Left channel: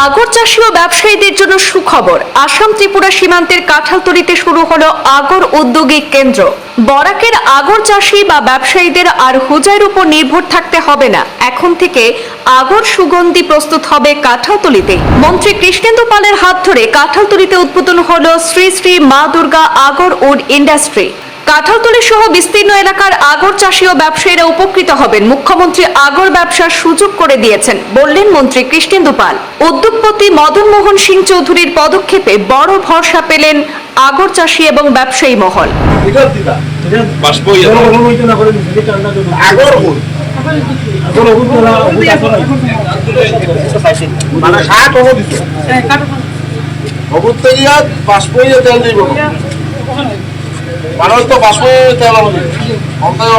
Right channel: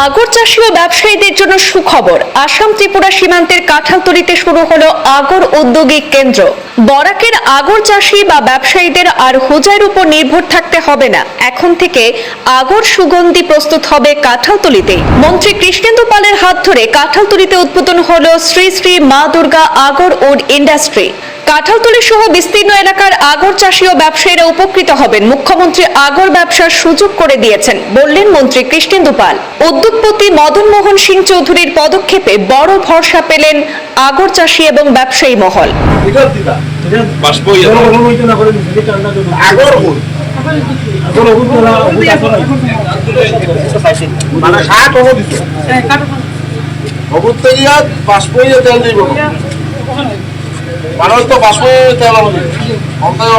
আগর চাষী ও ব্যবসায়ীদের জন্য সুখবর। আসাম ত্রিপুরা সীমান্তের কাঁঠালতলিতে শুরু হলো আগর উদ্যোগিক কেন্দ্র। বরাকের আগর চাষী বা ব্যবসায়ীদের আর হোজাইয়ের উপর নির্ভর থাকতে হবে না। এখন থেকে আগর সুগন্ধি প্রস্তুত হবে কাঁঠালতলিতেই। মন্ত্রী কৃষ্ণেন্দু পালের হাত ধরে কাঁঠালতলিতে উদ্বোধন হলো Shri Shri Ma Durga agar wood industry. Kanthaltali সহ বিস্তীর্ণ এলাকার আগর চাষী ও ব্যবসায়ীরা উপকৃত হবেন। মুখ্যমন্ত্রী আগর ব্যবসার সুযোগ করে দিয়েছেন বললেন মন্ত্রী কৃষ্ণেন্দু পাল উদ্যোগপতি মদন মোহন সিং চৌধুরীর পদক্ষেপে বড় ভরসা পেলেন আগর চাষী এবং ব্যবসায়ী মহল। মানে ষাট হব দিত। হবুত ইয়া বাষ্প ইয়ে তেল দিব মানুষ তো বাষ্প তেল হবে অন্তায়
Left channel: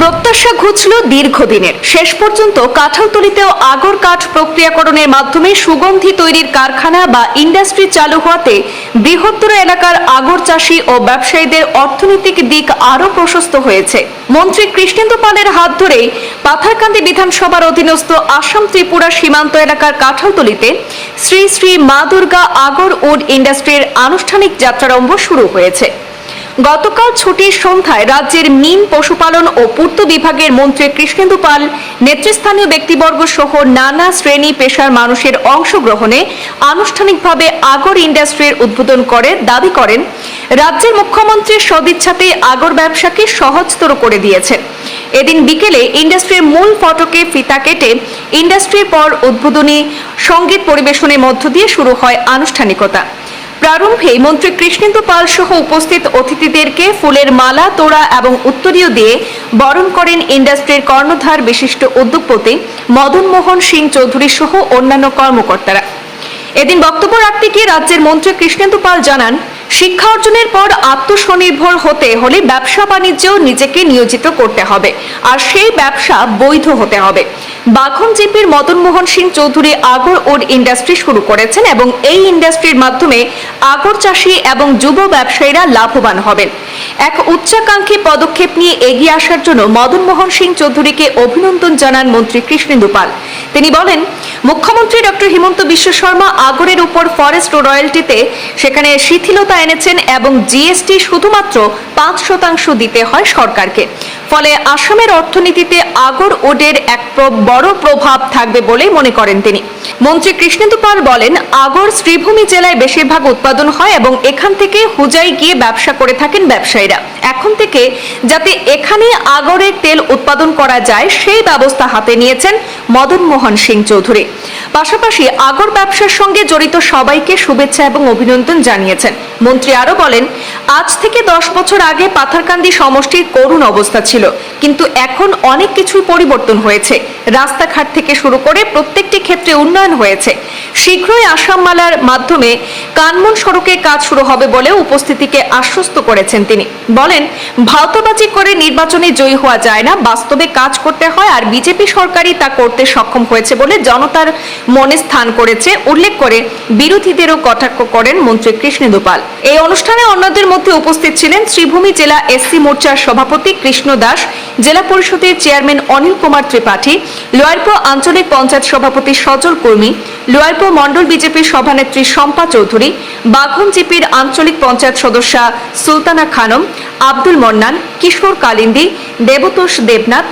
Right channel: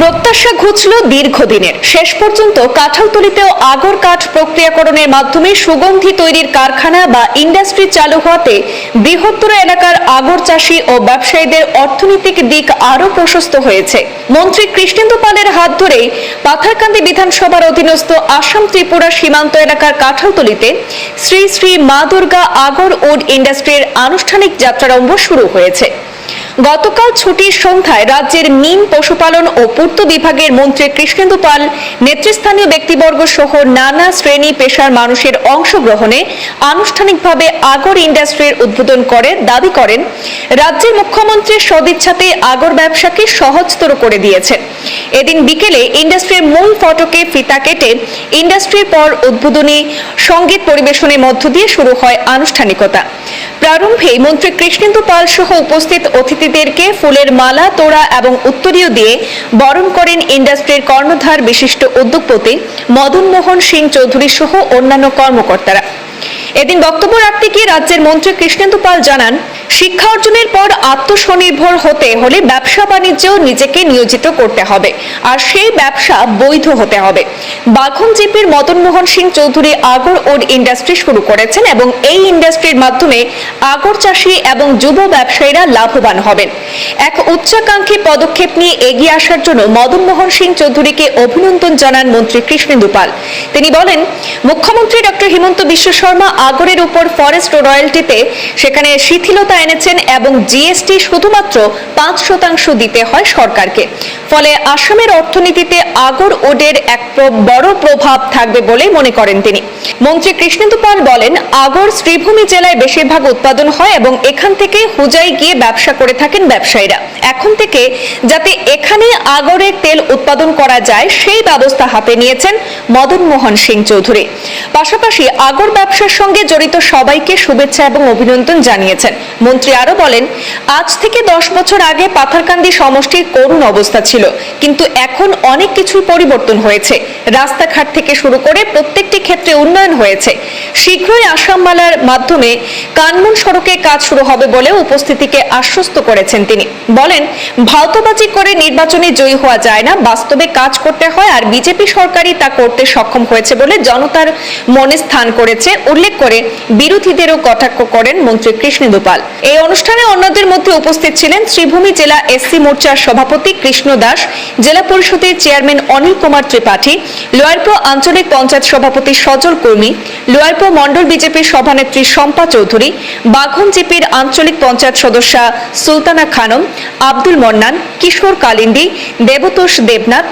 প্রত্যাশা ঘুচল দীর্ঘদিনের। শেষ পর্যন্ত কাঁঠালতলিতেও আগর কাঠ প্রক্রিয়াকরণের মাধ্যমে সুগন্ধি তৈরির কারখানা বা ইন্ডাস্ট্রি চালু হওয়াতে বৃহত্তর এলাকার আগর চাষী ও ব্যবসায়ীদের অর্থনৈতিক দিক আরও প্রশস্ত হয়েছে। মন্ত্রী কৃষ্ণেন্দু পালের হাত ধরেই পাথারকান্দি বিধানসভার অধীনস্থ আসাম ত্রিপুরা সীমান্ত এলাকার কাঁঠালতলিতে শ্রী শ্রী মা দুর্গা আগর উড ইন্ডাস্ট্রির আনুষ্ঠানিক যাত্রারম্ভ শুরু হয়েছে। গতকাল ছুটির সন্ধ্যায় রাজ্যের মিন পশুপালন ও পূর্ত বিভাগের মন্ত্রী কৃষ্ণেন্দু পাল নেতৃস্থানীয় ব্যক্তিবর্গ সহ নানা শ্রেণি পেশার মানুষের অংশগ্রহণে আনুষ্ঠানিকভাবে আগর ইন্ডাস্ট্রির উদ্বোধন করে, দাবি করেন, রাজ্যের মুখ্যমন্ত্রীর সদিচ্ছাতে আগর ব্যবসাকে সহজতর করে দিয়েছেন এদিন বিকেলে ইন্ডাস্ট্রির মূল ফটকে ফিতা কেটে ইন্ডাস্ট্রির পর উদ্বোধনী সংগীত পরিবেশনের মধ্য দিয়ে শুরু হয় আনুষ্ঠানিকতা। প্রারম্ভে মন্ত্রী কৃষ্ণেন্দু পাল সহ উপস্থিত অতিথিদেরকে ফুলের মালা, তোড়া এবং উত্তরীয় দিয়ে বরণ করেন ইন্ডাস্ট্রির কর্ণধার বিশিষ্ট উদ্যোগপতি মদন মোহন সিং চৌধুরী সহ অন্যান্য কর্মকর্তারা। এদিন বক্তব্য রাখতে গিয়ে রাজ্যের মন্ত্রী কৃষ্ণেন্দু পাল জানান শিক্ষা অর্জনের পর আত্মস্বনির্ভর হতে হলে ব্যবসা বাণিজ্যেও নিজেকে নিয়োজিত করতে হবে। আর সেই ব্যবসা বৈধ হতে হবে। বাঘন জিপির Madan Mohan Singh Chowdhury agar wood industry শুরু করেছেন এবং এই ইন্ডাস্ট্রির মাধ্যমে আগর চাষী এবং যুব ব্যবসায়ীরা লাভবান হবেন। এক উচ্চাকাঙ্ক্ষী পদক্ষেপ নিয়ে এগিয়ে আসার জন্য মদন মোহন সিং চৌধুরীকে অভিনন্দন জানান মন্ত্রী কৃষ্ণেন্দু পাল তিনি বলেন, মুখ্যমন্ত্রী ডক্টর হিমন্ত বিশ্ব শর্মা আগরের উপর ফরেস্ট রয়্যালটিতে সেখানে শিথিলতা এনেছেন এবং জিএসটি শুধুমাত্র পাঁচ শতাংশ দিতে হয় সরকারকে। ফলে আসামের অর্থনীতিতে আগর ওডের এক বড় প্রভাব থাকবে বলে মনে করেন তিনি। মন্ত্রী কৃষ্ণেন্দু পাল বলেন, আগর শ্রীভূমি জেলায় বেশিরভাগ উৎপাদন হয় এবং এখান থেকে হুজাই গিয়ে ব্যবসা করে থাকেন ব্যবসায়ীরা। এখন থেকে যাতে এখানে আগরের তেল উৎপাদন করা যায়, সেই ব্যবস্থা হাতে নিয়েছেন মদন মোহন সিং চৌধুরী। পাশাপাশি আগর ব্যবসার সঙ্গে জড়িত সবাইকে শুভেচ্ছা এবং অভিনন্দন জানিয়েছেন। মন্ত্রী আরও বলেন, আজ থেকে দশ বছর আগে পাথারকান্দি সমষ্টির করুণ অবস্থা ছিল, কিন্তু এখন অনেক কিছুই পরিবর্তন হয়েছে। রাস্তাঘাট থেকে শুরু করে প্রত্যেকটি ক্ষেত্রে উন্নয়ন হয়েছে। শীঘ্রই আসাম মালার মাধ্যমে কানমুন সড়কে কাজ শুরু হবে বলে উপস্থিতিকে আশ্বস্ত করেছেন তিনি। বলেন, ভাওতাবাজি করে নির্বাচনে জয়ী হওয়া যায় না, বাস্তবে কাজ করতে হয়, আর বিজেপি সরকারই তা করতে সক্ষম হয়েছে বলে জনতার মনে স্থান করেছে। উল্লেখ করে বিরোধীদেরও কটাক্ষ করেন মন্ত্রী কৃষ্ণেন্দু পাল এই অনুষ্ঠানে অন্যদের মধ্যে উপস্থিত ছিলেন শ্রীভূমি জেলা এসসি মোর্চার সভাপতি কৃষ্ণ দাস, জেলা পরিষদের চেয়ারম্যান অনিল কুমার ত্রিপাঠী লোয়ারপুর আঞ্চলিক পঞ্চায়েত সভাপতি সজল কর্মী লোয়ারপুর মণ্ডল বিজেপির সভানেত্রী শম্পা চৌধুরী, বাঘন জিপির আঞ্চলিক পঞ্চায়েত সদস্যা সুলতানা খানম, আব্দুল মন্নান, কিশোর কালিন্দি, দেবতোষ দেবনাথ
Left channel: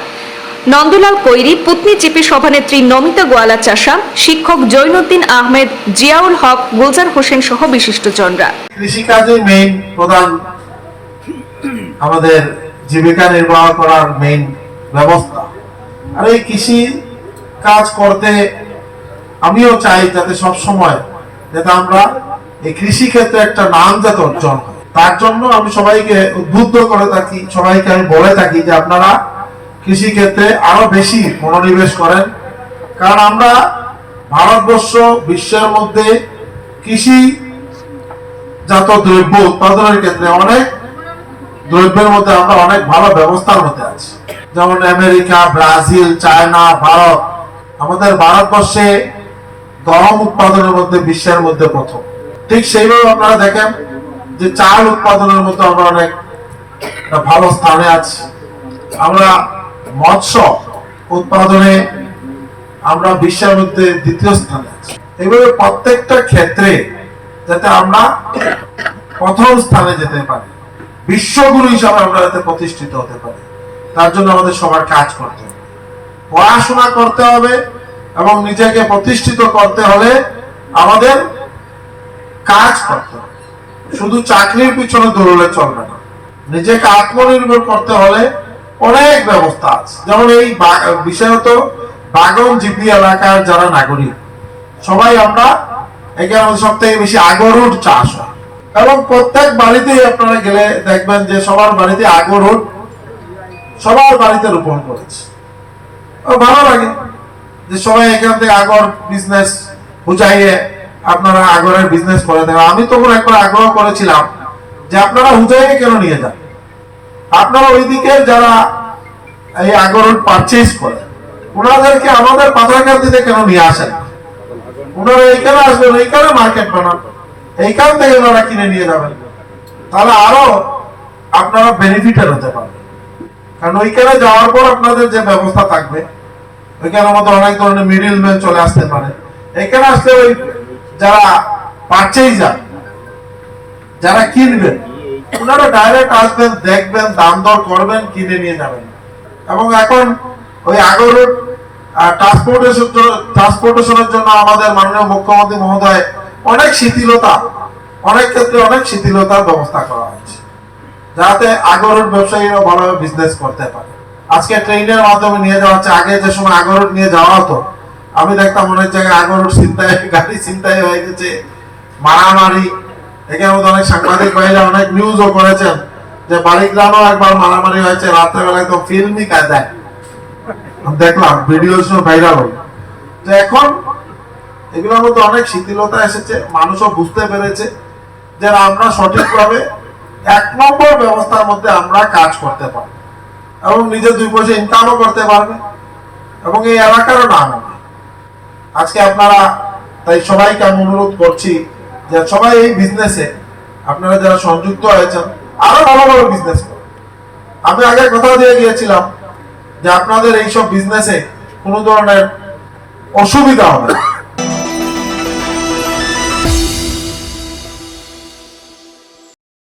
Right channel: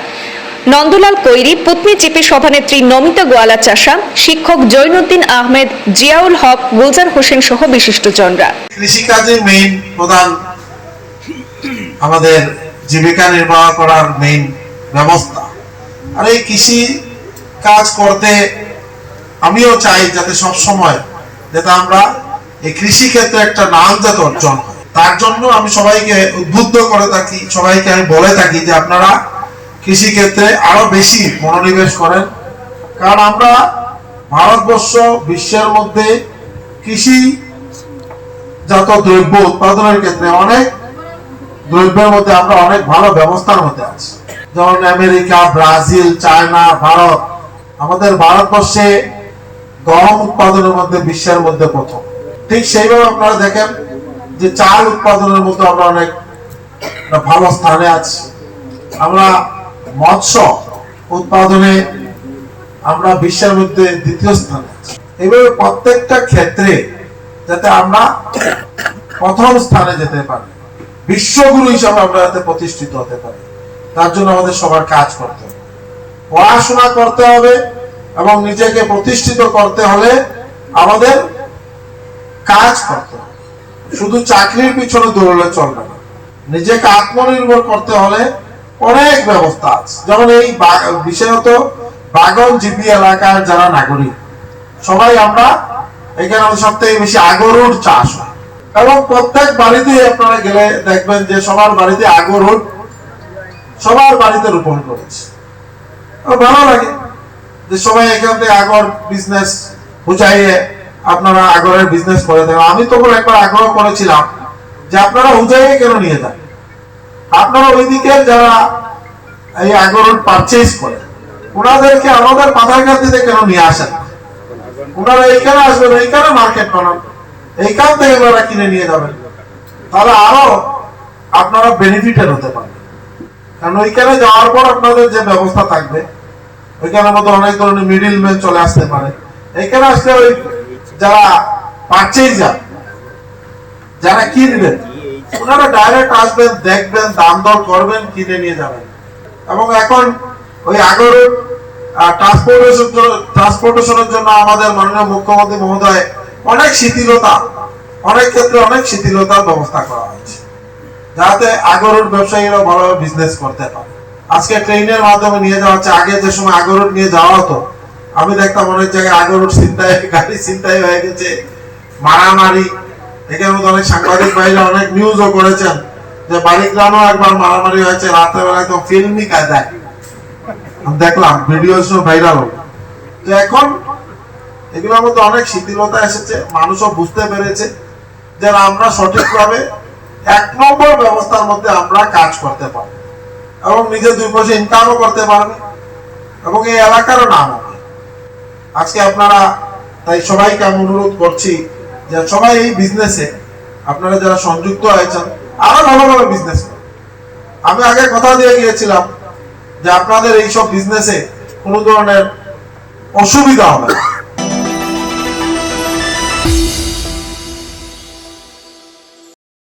নন্দলাল কৈরি, পুতনি জিপি সভানেত্রী নমিতা গোয়ালা চাষা, শিক্ষক জৈনুদ্দিন আহমেদ, জিয়াউল হক, গুলজার হোসেন সহ বিশিষ্টজনরা। কৃষিকাজে মেইন প্রধান আমাদের জীবিকা নির্বাহ করার মেইন ব্যবস্থা। আর এই কৃষি কাজ করতে আমিও চাই যাতে সব সময় যাতে আমরা এই কৃষি ক্ষেত্রে একটা নাম যাতে অর্জন হয়। তার জন্য আমি সবাইকে উদ্বুদ্ধ করে থাকি, সবাইকে আমি বলে থাকি যে আপনারা কৃষি ক্ষেত্রে আরও বেশি মনোনিবেশ করেন। কারণ আমরা ভারতবর্ষ বিশ্বের মধ্যে কৃষি জাত দ্রব্য উৎপাদনের ক্ষেত্রে অনেক দ্রব্যের মধ্যে আমরা অনেক ভালো ব্যবস্থার মধ্যে আছি। যেমন আমেরিকা, ব্রাজিল, চায়না, ভারত। আমাদের ভারতবর্ষে গম উৎপাদনের মধ্যে বিশ্বের মধ্যে প্রথম। ঠিক সেইভাবে আপনারা দেখেন যে চাল উৎপাদনের মধ্যে আমরা অনেক ভালো স্থানে আছি। আমরা মৎস্য উৎপাদনে আমরা বিশ্বের মধ্যে দ্বিতীয় স্থানে আছি। এভাবে প্রত্যেকটা ক্ষেত্রে যাতে আমরা প্রথম স্থানে যেতে পারি, বিশ্বগুরু হিসাবে আমরা যাতে প্রতিষ্ঠিত হতে পারি, তার জন্য আমাদের সবার কাজ করতে হবে। পড়াশোনা করতে হবে এবং নিজেকে প্রতিষ্ঠিত করতে হলে আমাদের কাজ করতে হবে। শুধু চাকরির পিছনে দৌড়লে চলবে না। নিজেকে আত্মনির্ভর করতে হলে অনেক ব্যবস্থা আছে। যেমন এই বিশেষত বাগন জিপি এলাকার যারা নাগরিক, সবাই আমরা এখানে সব থেকে বেশি আগরুট চাষ হয়। এবং প্রত্যেক বাড়িতেই আপনারা গেলে দেখবেন যে সবার বাড়িতে আগরুট সবার বাড়িতে রোপণ করেছে। ভালো লাগে যে সবাই এখান থেকে আগর বিজনেস বুঝাইয়ে আপনারা আগরের বিজনেস করে দেন। আমি তখন একবার আগ্রহ করেছিলাম যে আপনারা হুজাইয়ে কেন নিয়ে যান? আপনারা ওইদিকে যারা এই আগর পারচেজ করে, ওনাদেরকে আমাদের পাথারঘাটিতে কেন নিয়ে আসেন? ওনারা এইখানে আসবেন, এইখানে মার্কেট বানান। এইখান থেকে ওনারা কিনে নিয়ে যাবেন। তাহলে আরও আপনারা হতে পারবেন। কারণ ওইখানে যাওয়ার পর আপনাদের যে ব্যবস্থা থাকবে, ওইখানে মধ্যে অনেক ধরনের মিডিল ম্যান চলে আসতে পারে। এখানে আসলে ওই যারা পারচেজার যারা কিনবেন ওনারা ডাইরেক্ট আসবেন, দেখবেন, দাম দর করবেন, কিনে নিয়ে যাবেন। এবং এখন ওই আগরের ট্রান্সপোর্টেশন ট্রান্সপোর্টেশনের জন্য আমাদের মাননীয় মুখ্যমন্ত্রী মহোদয় অনেক শিথিলতা, অনেক ক্ষেত্রে অনেক শিথিলতার ব্যবস্থা করা হয়েছে, যাতে আগরের ব্যবসায়ীরা ভালোভাবে বিজনেস করতে পারে। আজকে ট্রেনের মাধ্যমে নিয়ে যাওয়া হচ্ছে, আগে যে সময় আগরুট নিয়ে যাওয়া হতো, আমি দেখতাম অনেক জায়গায় আগরুট চিন্তায় গাড়ি চিন্তায় হয়ে গেছে, মারামারি এখানে মধ্যে অনেক সাংবাদিক অনেক নিউজও করেছেন যে একবার মারামারি হয়েছে, রাত্রেবেলা একদম দেখলাম ভিডিও ভাইরাল এখন এগুলোর মধ্যে অনেক শিথিলতা এসেছে, মানুষও বুঝতে পেরেছে যে আমরা সঠিকভাবে এক নম্বর ব্যবস্থার মধ্যে আমরা কাজ করতে পারব। এবং নিজে দুই পয়সা ইনকামও করতে পারবে। এবং এই এলাকারও নাম হবে। আজকে আপনারা, তাই সবাইকে আমি অনুরোধ করছি যে সবাই এই বিজনেসে আপনারা যারা সংযুক্ত হয়েছেন আরও ভালো ভালো বিজনেস আমি আগে কথা দিয়ে গিয়েছিলাম যে আপনাদের এইসব বিজনেসে কোনো ধরনের অসুবিধা হবে না।